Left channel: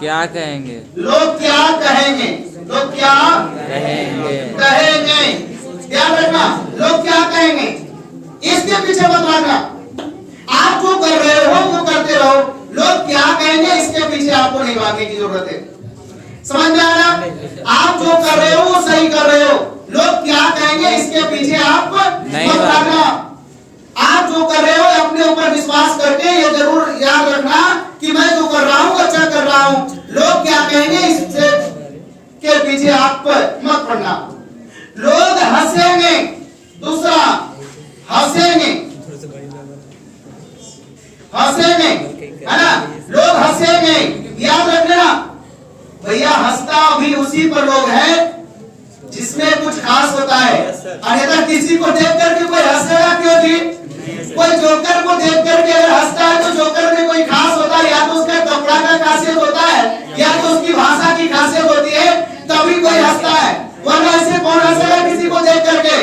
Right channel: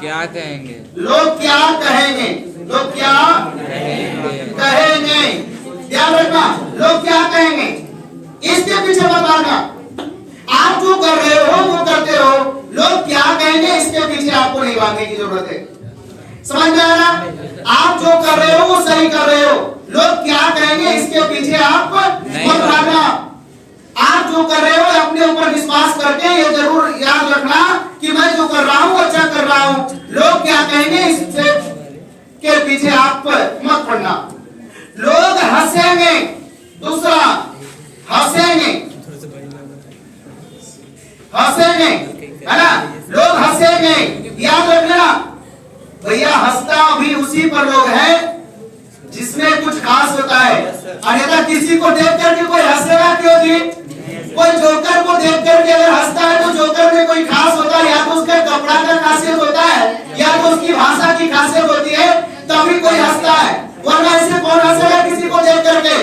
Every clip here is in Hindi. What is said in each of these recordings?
क्या कहेंगे, लोग क्या कहेंगे, लोग क्या कहेंगे। ध्यान रखना, लोग क्या कहेंगे इसके पीछे मत भागना। आप जो कर रहे हो वो करते रहो, लोग क्या कहेंगे इसके पीछे आपको नहीं भागने की जरूरत है। समझ में आया ना? आप जो कर रहे हो वो सही कर रहे हो, लोग क्या कहेंगे इसके पीछे आप मत भागना। आप जो कर रहे हो अपने ऊपर विश्वास करके ये जरूर याद रखना कि मैं जो कर रहा हूं अच्छा कर रहा हूं, लोग क्या कहेंगे इससे के पीछे आप मत पड़ना। लोग हंसेंगे, दूसरा हंसेंगे, हंसेंगे है ना, लोग हंसेंगे। याद रखना भैया, हंसता भी उसी पर लोग है जिसमें कुछ खास होता है। अन्यथा किसी को देख करके कोई हंसेगा क्यों जी? कोई जोकर को देख करके अगर हंसता है तो जोकर में कोई खास होता है, या तो उसका कपड़ा का खासियत होता है या तो उसकी भाषा की खासियत होती है, तभी कोई हंसता है। वरना ऐसे कौन हंसेगा किसी को देख करके?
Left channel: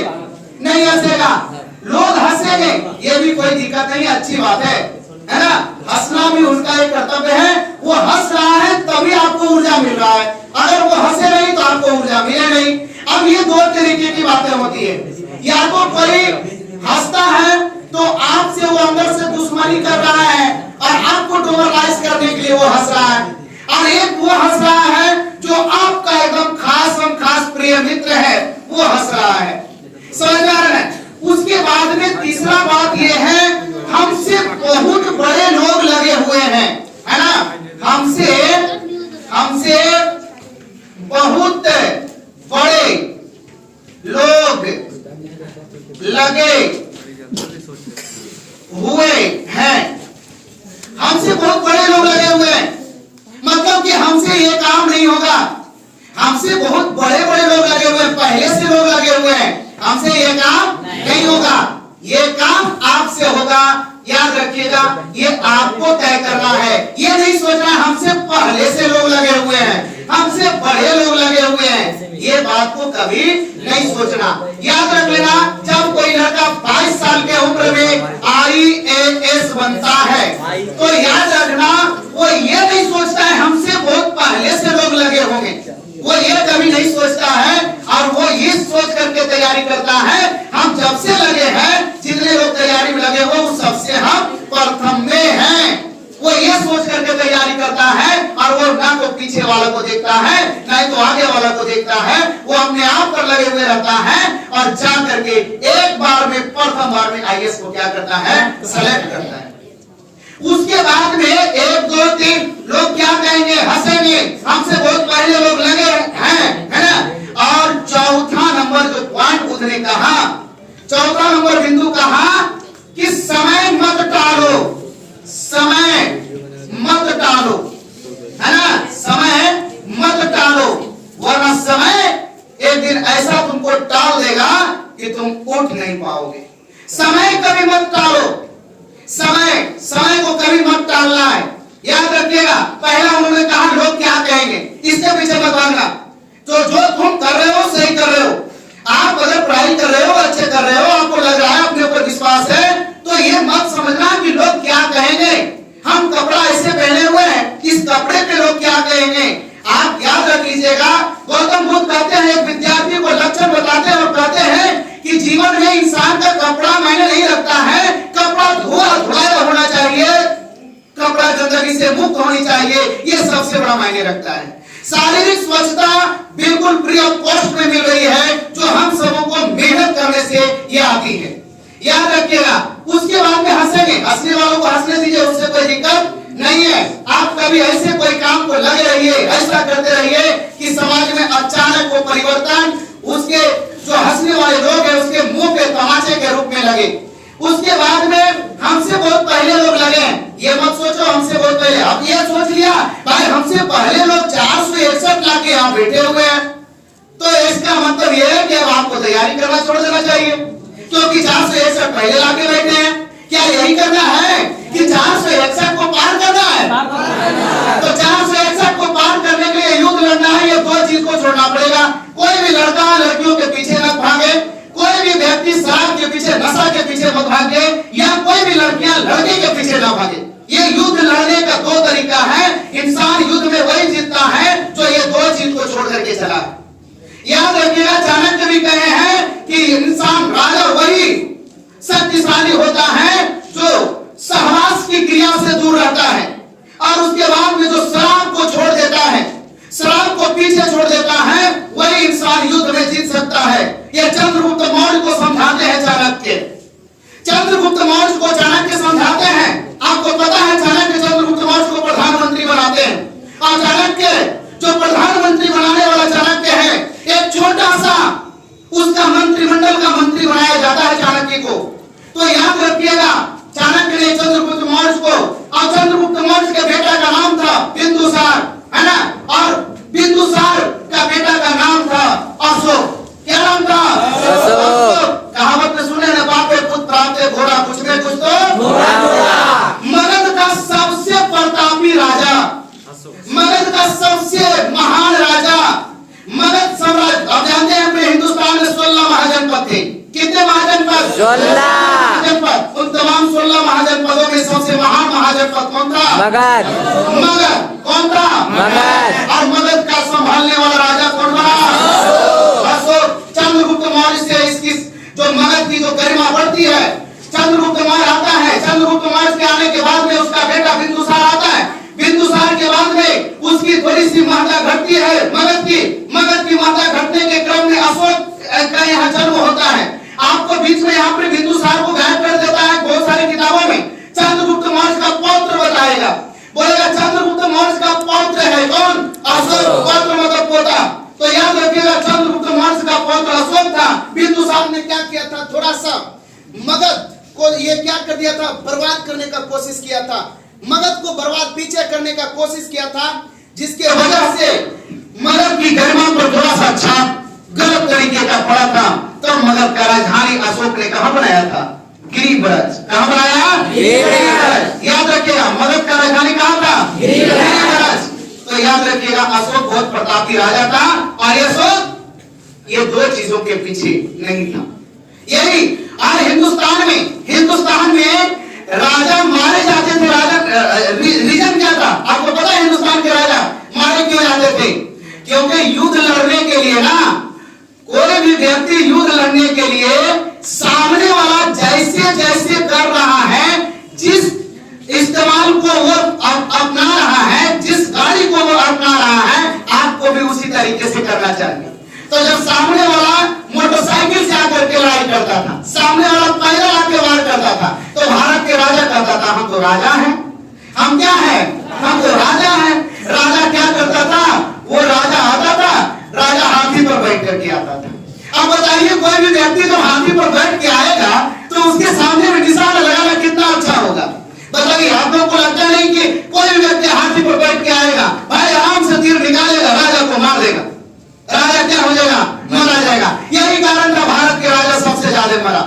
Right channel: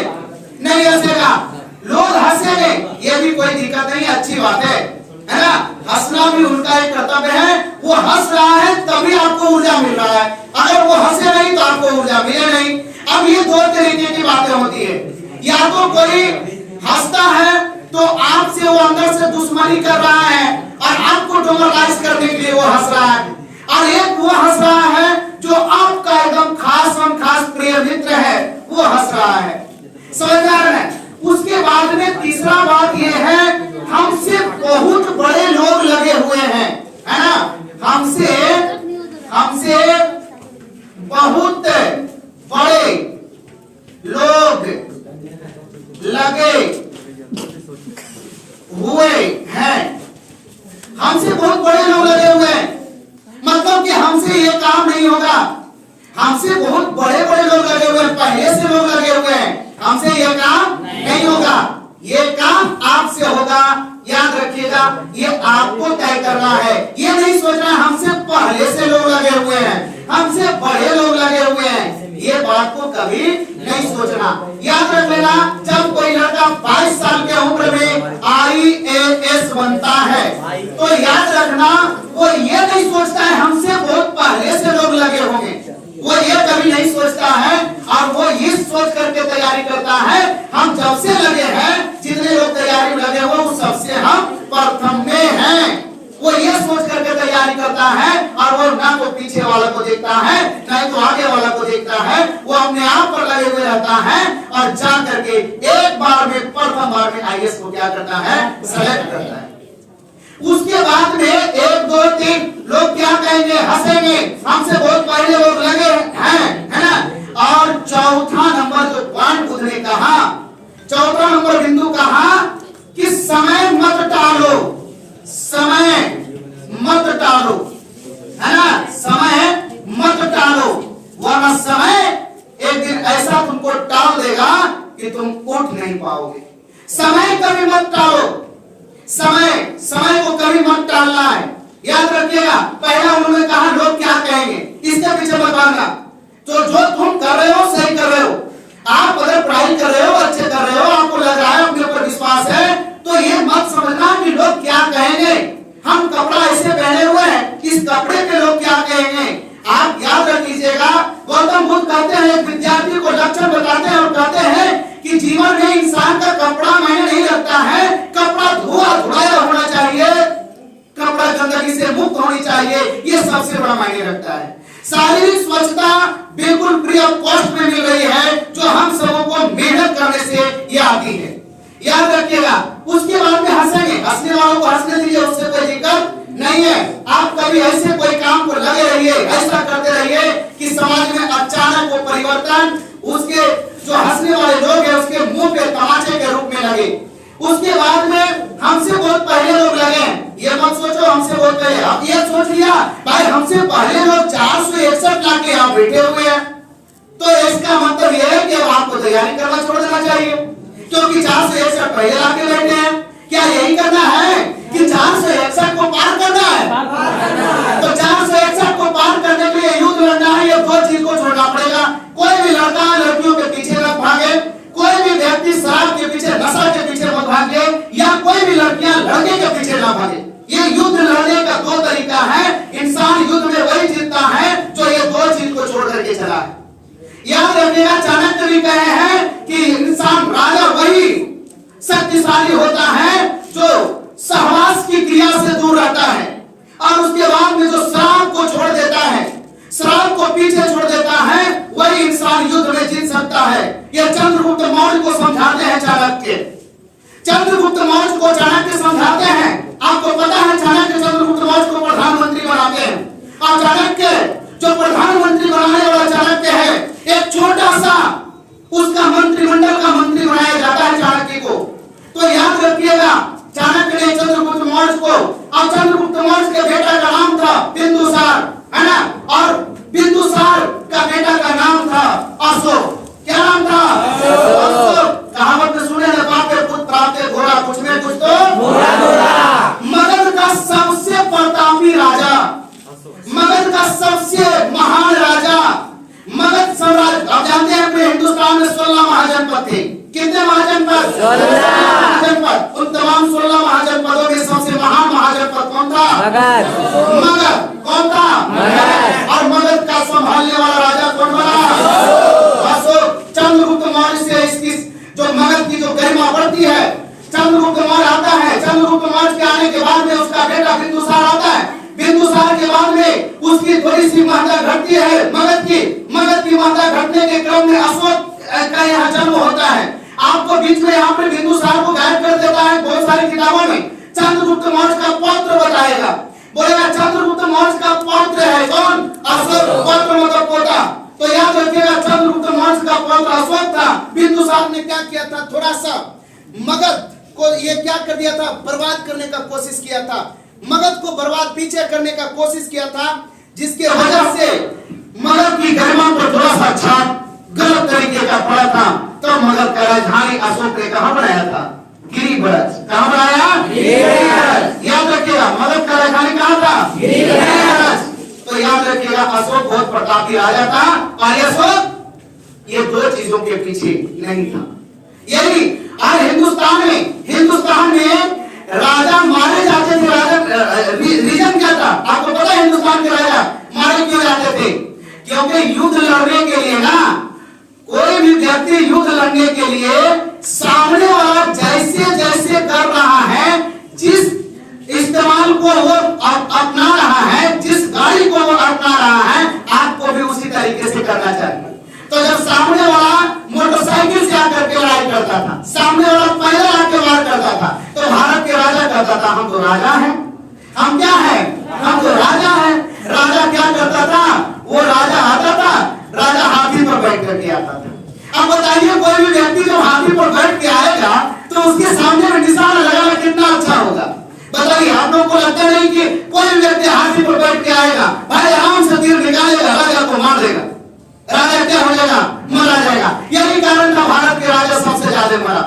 नहीं हंसेगा। लोग हंसेंगे, ये भी कोई दिक्कत नहीं, अच्छी बात है ना। हंसना भी उनका एक कर्तव्य है। वो हंस रहा है तभी आपको ऊर्जा मिल रहा है, अगर वो हंसे नहीं तो आपको ऊर्जा मिले नहीं। अब ये दो तरीके की बातें होती है, या तो कोई हंसता है तो आपसे वो अंदर से दुश्मनी कर रहा है और आपको डोमरलाइज करने के लिए वो हंस रहा है, और एक वो हंस रहा है जो आपका एकदम खास प्रिय मित्र है, वो हंस रहा है। समझ में आ रहा है? उसके बाद में तीसरा बात ये है, हमसे बहुत बड़े लोग लगे हुए हैं, है ना। हमसे बहुत बड़े लोग लगे हुए हैं, हमसे बहुत बड़े लोग लगे हुए हैं, मतलब कि हमसे ये काम नहीं होगा। हमसे बहुत बड़े लोग लगे हुए हैं, पहले से लोग लगे हुए हैं, हमसे ये काम नहीं होगा, ये काम आपसे होगा। याद रखिएगा, ये आपको तय करना है। ये नहीं सोचना हमसे पहले से लोग लगे हुए हैं, हमसे बड़े लोग लगे हुए हैं, ये बात को कभी नहीं सोचना। याद रख लेना, जब कोई लड़का 22 साल के उम्र में IAS बनता है तो याद रखना वो ये नहीं सोचता है हमसे बहुत पहले से लोग लगे होंगे, वो ये कभी नहीं सोचता है। और वो ये सोच करके तैयारी करता है हम जब से लगे हैं, जितने लोग तैयारी में लगे हुए उस सबसे हम प्रथम में हैं। वो ये सोच करके तैयारी करता है और वो ना तो पीछे वाला को देखता है ना तो आगे वाला को देखता है, वो अपने आप पर लगे हुए रहता है और जा करके एक बार में प्रथम बार में IAS को क्या करता है, सेलेक्ट करता है। उसके बाद में 1 2 3 लोग क्या कहेंगे, हंसेंगे, हमसे बहुत पहले लोग लगे हैं, है ना। और चौथा नंबर जो पॉइंट उसने कहा, चौथा नंबर बिंदु कहा कि समय मत टालो, समय मत टालो, है ना, समय मत टालो, वरना समय एक दिन ऐसा तुमको टाल देगा कि तुम उठ नहीं पाओगे। समय कभी मत टालो, समय को कभी मत टालना है। याद रखिएगा, पहला उन्होंने कहा लोग क्या कहेंगे, इसके पीछे मत भागना। तो जो तुम कर रहे हो सही कर रहे हो, आप अगर पढ़ाई कर रहे हो, अच्छे कर रहे हो, आपको लग रहा है, अपने ऊपर विश्वास है, तो ये मत समझना कि लोग क्या कहेंगे, हम कपड़ा ऐसे पहने हुए हैं, इस कपड़े पे लोग क्या कहेंगे। आप याद रख लीजिएगा, गौतम बुद्ध कहते हैं, एक विद्यार्थी को लक्षण बताते हैं और कहते हैं कि जीवन में इंसान का कपड़ा मायने नहीं रखता है, कपड़ा धुलाया होना चाहिए, कपड़ा गंदगी से मुक्त होनी चाहिए, ये सबसे बड़ा मायने रखता है। शारीरिक स्वच्छता बिल्कुल फ्री ऑफ कॉस्ट में मिल रही है, जो हम सबों को मेहनत करने से ये आती है। याद रखिएगा, उसके बाद में हंसेंगे, हंसने वालों को हंसने दीजिए, उससे कोई दिक्कत नहीं है। आप कभी ऐसे कोई काम को लगे रहिए, ऐसा करते रहिए कि समाज में अचानक वो परिवर्तन उसके जो हंसने वाले लोग हैं उसके मुंह पे तमाचे के रूप में लगे। उसके बाद में हमसे बहुत पहले लोग लगे, ये मत सोचो हमसे बहुत पहले, अब ये सोच लिया भाई हमसे पहले लोग 461 लाख के यहाँ बैठे हुए हैं, तो इसका मतलब ये है कि अब आपको तैयारी करना छोड़ देना चाहिए, क्योंकि 461 पहले लाके बैठे हैं। क्या यही करना है कि 461 को पार करना है? तो 461 को पार करने के लिए युद्ध लड़ना है, ये दो चीज को छोड़ना पड़ेगा। कोई भी लड़का लड़कियों के पीछे न भागे, कोई भी व्यक्ति शराब के पीछे, नशा के पीछे मत भागे, या कोई भी लड़कियां लड़के के पीछे न भागे। ये युद्ध लड़ने का दो तरीका है। इंसान युद्ध में वही जीतता है जो ये दो चीज को छोड़ करके चला। याद रखिएगा, चाणक्य भी कहे हैं कि इंसान राजा वही शक्तिशाली होता है जो सहवास की क्रिया से दूर रहता है और उसके बाद में जो शराब को छोड़ देता है, शराब को पीछे छोड़ देता है, वही इंसान युद्ध में जीत सकता है। यह चंद्रगुप्त मौर्य को समझाते हैं चाणक्य। चंद्रगुप्त मौर्य को चाणक्य समझाते हैं। आपको पता है चाणक्य चंद्रगुप्त मौर्य को प्रधानमंत्री बनाते हैं और चाणक्य जो प्रधानमंत्री बनाने वाला चाणक्य है, एक छोटा सा उसका मंत्रिमंडल का मंत्री बनाया जाता है चाणक्य को। तो याद रखिएगा, चाणक्य ने चंद्रगुप्त मौर्य को, और चंद्रगुप्त मौर्य के बेटा का नाम था बिंदुसार, है ना, और बिंदुसार का बेटा का नाम था अशोक। क्या नाम था? अशोक। कहावत में सुने ना, बाप पे पुत्र प्राप्त है घोड़ा, कुछ में कुछ तो मगध का सबसे प्रतापी राजा, मगध का सबसे महान राजा, मगध साम्राज्य। आप जानते हैं अपने हिंदुस्तान में 16 महाजनपद थे। कितने महाजनपद? 16 महाजनपद। उन तमाम 16 महाजनपदों में सबसे महान महाजनपद कौन था? मगध। मगध कौन था? मगध। और मगध का संभालने वाला राजा कौन बना? अशोक। चंद्रगुप्त मौर्य से इसकी जो मगध की जो गरिमा बढ़ती है, चंद्रगुप्त मौर्य आता है। चंद्रगुप्त मौर्य के आने के बाद में उसका बेटा बिंदुसार आता है। बिंदुसार के बाद में उसकी थोड़ी सी महत्ता घटती है मगध की महत्ता घटने के क्रम में अशोक का यहाँ जन्म होता है। आपको बीच में यहाँ पे बिंदुसार को गायब कर देता है बहुत सारी किताबों में। चंद्रगुप्त मौर्य का पौत्र बताएगा, बोलेगा चंद्रगुप्त मौर्य का पौत्र है कौन? अशोक। पौत्र मतलब पोता। तो याद रखिएगा, चंद्रगुप्त मौर्य का पौत्र अशोक था। बिंदुसार ने क्या किया था? थोड़ा सा मगध को ये क्या कर दिया था? बर्बाद करने का कोशिश किया था। मगध को बर्बाद पीछे करने का कोशिश किया था, जिसके वजह से मगध की गरिमा पर थोड़ा सा छाप गलत तरीके का पड़ा था। तो मगध का राजधानी अशोक ने कहां बनाया था? गिरिब्रज। कहां बनाया? गिरिब्रज। याद रखिएगा, मगध का राजधानी कहां था? गिरिब्रज। तो याद रखिएगा, अशोक बहुत प्रतापी राजा था और अशोक ये दो चीजों के पीछे नहीं था। यही आज हिंदुस्तान में राजा मारे जाते थे। राजा रीजन क्या था? आपको पता है हिंदुस्तान के राजा मारे क्यों जाते थे? क्योंकि युद्ध लड़ने के लिए ना, कोई भी व्यक्ति युद्ध लड़ने के लिए सामने वाला जैसे जैसे कर रहा है, जिस इस्तेमाल को वो अपना रहा है, जिस गाड़ी को वो अपना रहा है, आपको भी उसी तरीके से करना चाहिए। तो जब सामने वाला मोटरसाइकिल से आकर के लड़ाई करता था, सामने वाला पैदल आकर वार करता था, तो भारत के राजा कहता था हम तो राजा हैं। हम क्या है? हम तो राजा हैं। राजा क्या करता था? वो राजा आता था, राजा हाथी पर बैठ करके आता था। अब बताइए, कोई भी व्यक्ति जो हाथी पर बैठ के आएगा तो उसके सामने में निशाना लगाना कितना अच्छा होगा? बताइए, आप लोगों को लगता नहीं कि कोई भी व्यक्ति हाथी पर बैठ के आएगा, भाई आराम से तीर निकालेगा, राजा को मार देगा, राजा क्या हो जाएगा? मारा जाएगा। यही कारण था भारत के राजा सबसे ज्यादा मरा।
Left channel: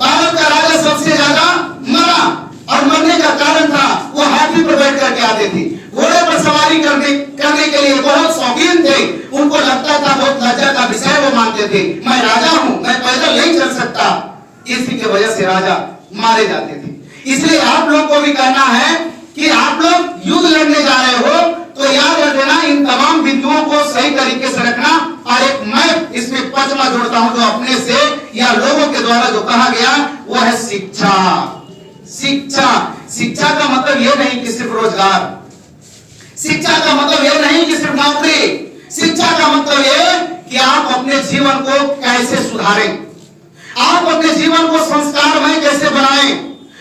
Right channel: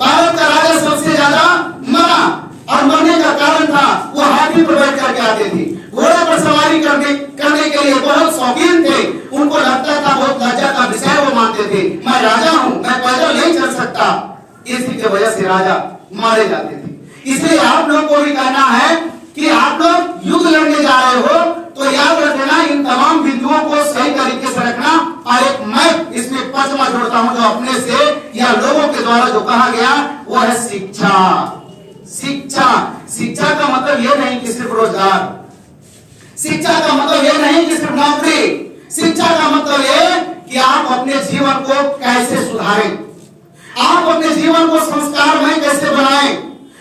भारत का राजा सबसे ज्यादा मरा और मरने का कारण था वो हाथी पर बैठ करके आते थे। घोड़े पर सवारी करने के लिए बहुत शौकीन थे। उनको लगता था, बहुत लज्जा का विषय वो मानते थे, मैं राजा हूं, मैं पैदल नहीं चल सकता। इसी की वजह से राजा मारे जाते थे। इसलिए आप लोगों को भी कहना है कि आप लोग युद्ध लड़ने जा रहे हो तो याद रखना, इन तमाम बिंदुओं को सही तरीके से रखना। और एक मैं इसमें पचना जोड़ता हूं जो अपने से या लोगों के द्वारा जो कहा गया वो है शिक्षा। शिक्षा शिक्षा का मतलब ये नहीं कि सिर्फ रोजगार, शिक्षा का मतलब ये नहीं कि सिर्फ नौकरी। शिक्षा का मतलब ये कि आप अपने जीवन को कैसे सुधारें, आप अपने जीवन को संस्कारमय कैसे बनाएं,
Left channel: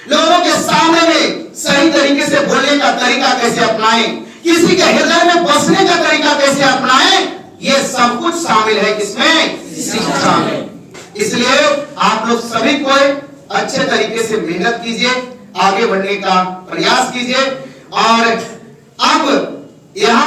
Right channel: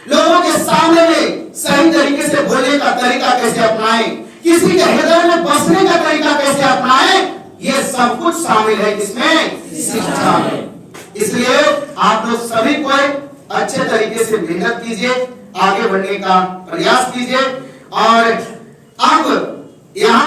लोगों के सामने में सही तरीके से बोलने का तरीका कैसे अपनाएं, किसी के हृदय में बसने का तरीका कैसे अपनाएं, ये सब कुछ शामिल है किसमें? शिक्षा में। इसलिए आप लोग सभी को अच्छे तरीके से मेहनत कीजिए, आगे बढ़ने का प्रयास कीजिए। और अब यहाँ